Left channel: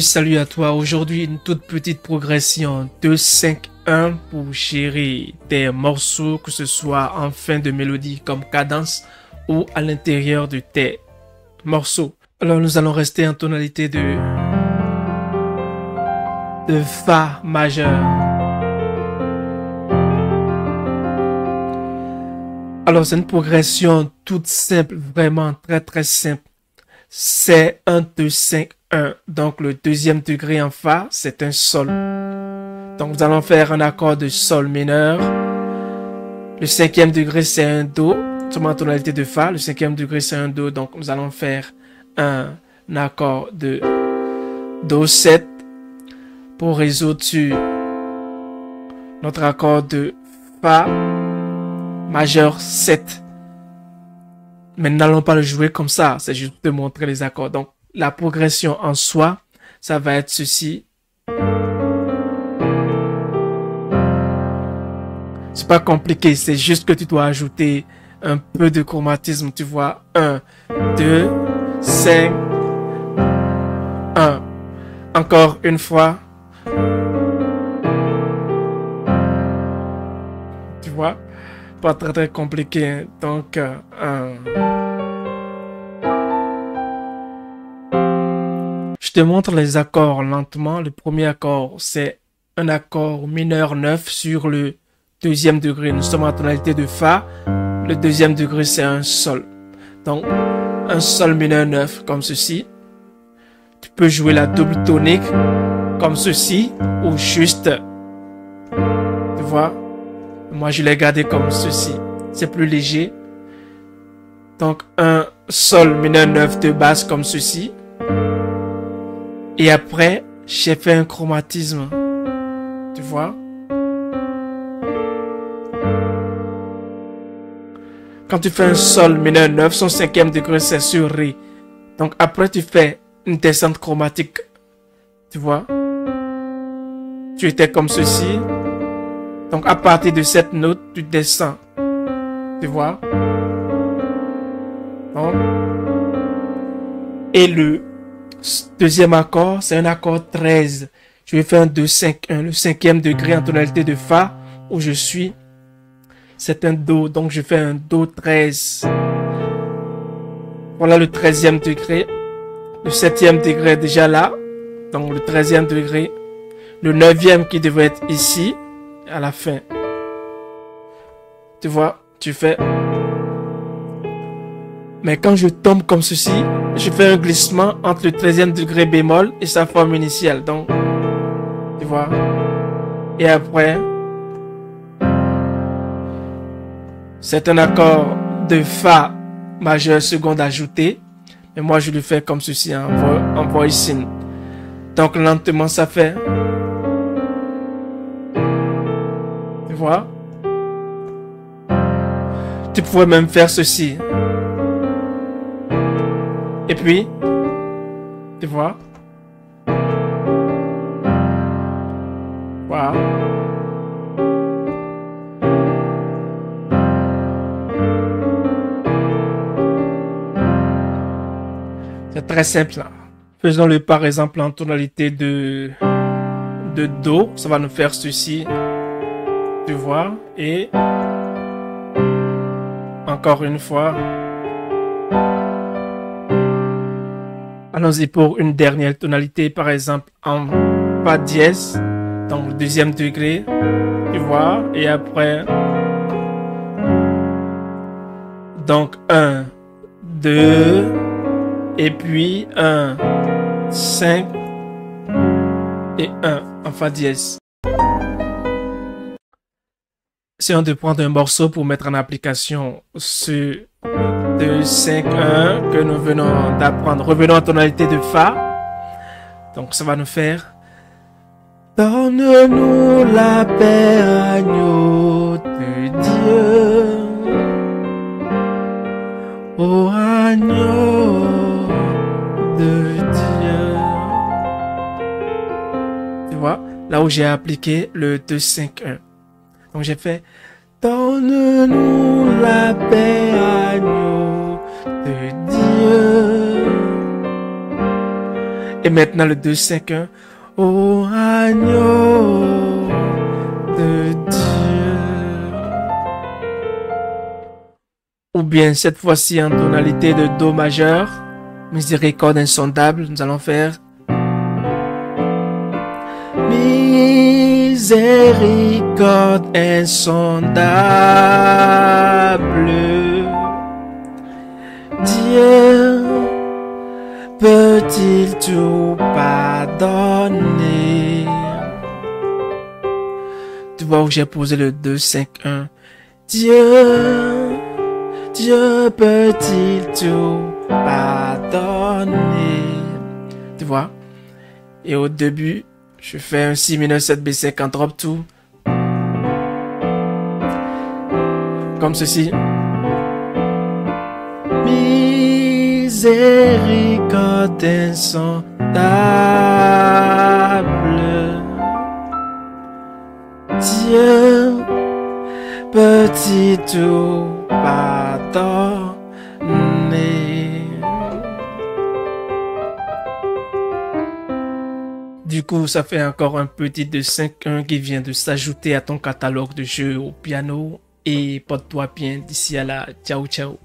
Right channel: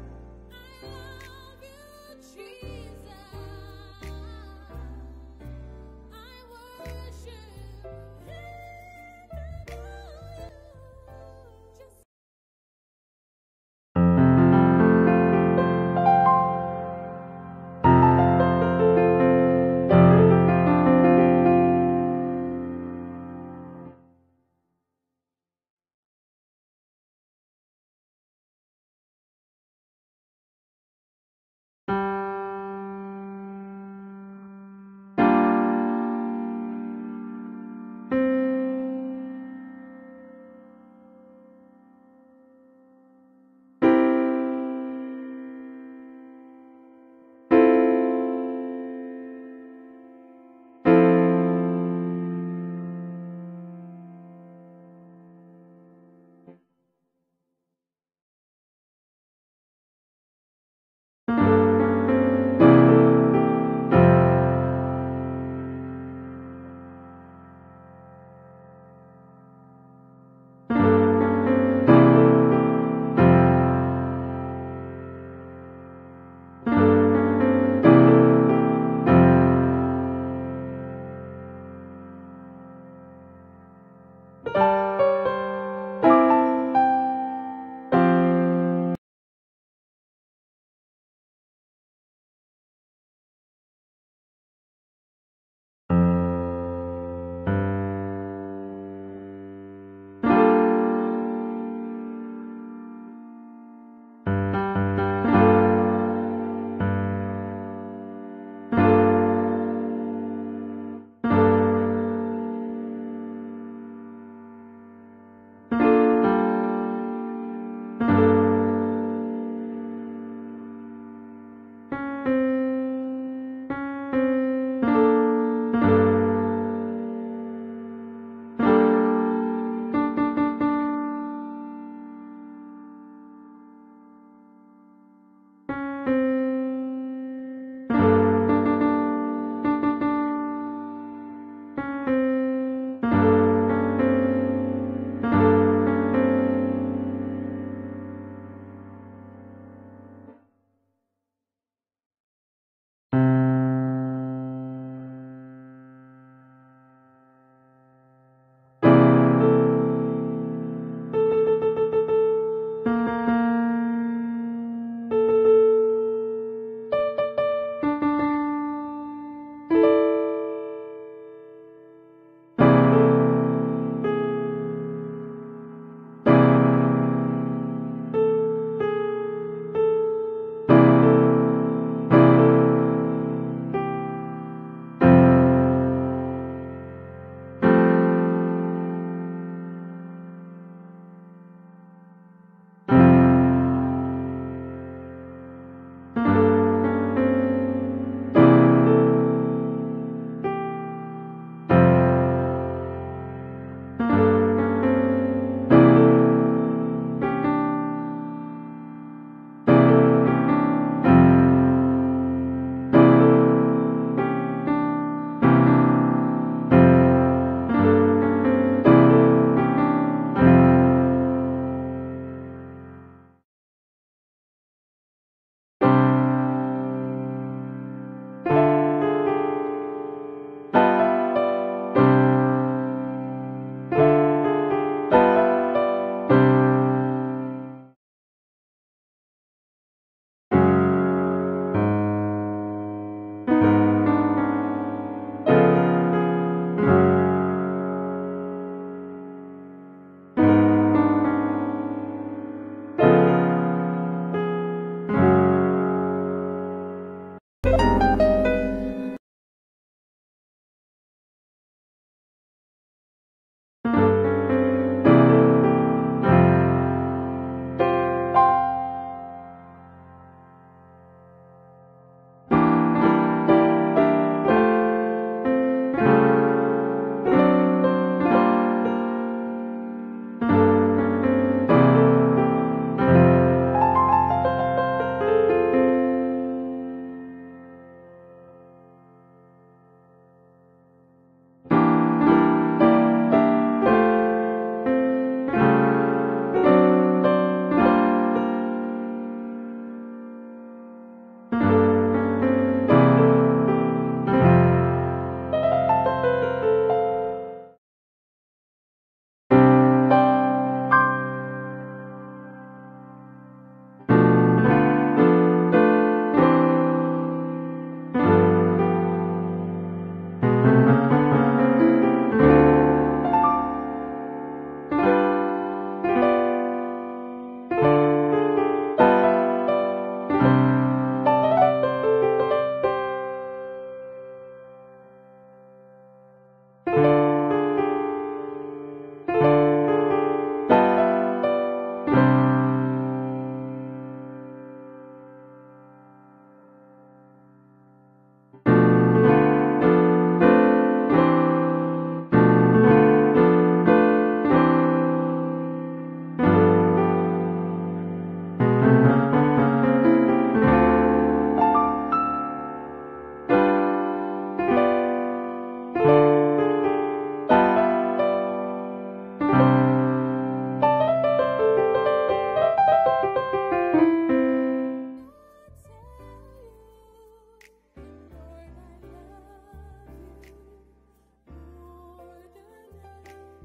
Salut à toi. Aujourd'hui, une toute petite progression 2-5-1 pour gérer tes morceaux, que ce soit en fin de mélodie comme cadence ou à l'intérieur de tes morceaux. Alors, nous allons rester en tonalité de Fa majeur. Alors, c'est une progression toute simple, vraiment très simple. C'est 1-2-5-1. Donc, le deuxième degré en Fa, c'est un Sol. Donc, nous allons faire un accord de Sol mineur. Le cinquième degré, c'est un Do. Seulement en tonalité de Fa. Le cinquième degré, c'est un Do. Donc, nous allons faire un accord de Do 7 pour résoudre sur notre accord de Fa majeur 7. Mais nous n'allons pas le jouer comme ça, c'est juste de montrer les accords. Donc, la progression en soi, ça va être ceci. C'est pas compliqué, c'est juste que tu dois ajouter un peu de chromatisme, tu vois. 1, 2, 5, 1. Encore une fois. Tu vois? Pas très compliqué, hein? Donc 1. Je te montre les accords lentement. Le premier accord, c'est un accord mineur 9 sur le deuxième degré. Nous sommes en tonalité de Fa. Le deuxième degré, c'est un Sol. Donc, un Sol mineur 9 comme ceci. Tu peux jouer la double tonique comme ceci ou juste, tu vois. Moi, je l'ai gardé comme ceci. C'est plus léger. Donc, un Sol mineur 9 de basse comme ceci. Et après, j'ai fait un chromatisme. Tu vois? Quand tu fais un Sol mineur 9, son cinquième degré, c'est sur Ré. Donc, après, tu fais une descente chromatique. Tu vois? Tu étais comme ceci. Donc, à partir de cette note, tu descends. Tu vois? Donc, et le deuxième accord, c'est un accord 13. Je vais faire un 2-5-1. Le cinquième degré en tonalité de Fa, où je suis, c'est un Do. Donc, je fais un Do 13. Voilà le 13e degré. Le 7e degré est déjà là. Donc, le 13e degré. Le 9e qui devrait être ici. À la fin. Tu vois, tu fais. Mais quand je tombe comme ceci, je fais un glissement entre le 13e degré bémol et sa forme initiale. Donc, tu vois. Et après, c'est un accord de Fa majeur seconde ajouté. Mais moi, je le fais comme ceci en voicing. Donc, lentement, ça fait. Tu vois? Tu pourrais même faire ceci. Et puis, tu vois? Voilà. C'est très simple. Faisons-le par exemple en tonalité de Do. Ça va nous faire ceci. Tu vois? Et encore une fois. Allons-y pour une dernière tonalité, par exemple en Fa dièse, donc le deuxième degré, tu vois, et après, donc 1, 2, et puis 1, 5 et 1 en Fa dièse. Essayons de prendre un morceau pour mettre en application ce 2-5-1 que nous venons d'apprendre. Revenons en tonalité de Fa. Donc ça va nous faire. Donne-nous la paix, agneau de Dieu. Oh agneau de Dieu. Tu vois, là où j'ai appliqué le 2-5-1. Donc j'ai fait. Donne-nous la paix, agneau de Et maintenant le 2-5-1. Oh, agneau de Dieu. Ou bien cette fois-ci en tonalité de Do majeur. Miséricorde insondable. Nous allons faire miséricorde insondable. Dieu peut-il tout pardonner? Tu vois où j'ai posé le 2-5-1. Dieu peut-il tout pardonner? Tu vois? Et au début, je fais un si mineur 7 B5 en drop 2. Comme ceci. Miséricorde insondable. Dieu peut-il tout pardonner? Du coup, ça fait encore un petit 2-5-1 qui vient de s'ajouter à ton catalogue de jeux au piano. Et porte-toi bien d'ici à là. Ciao, ciao.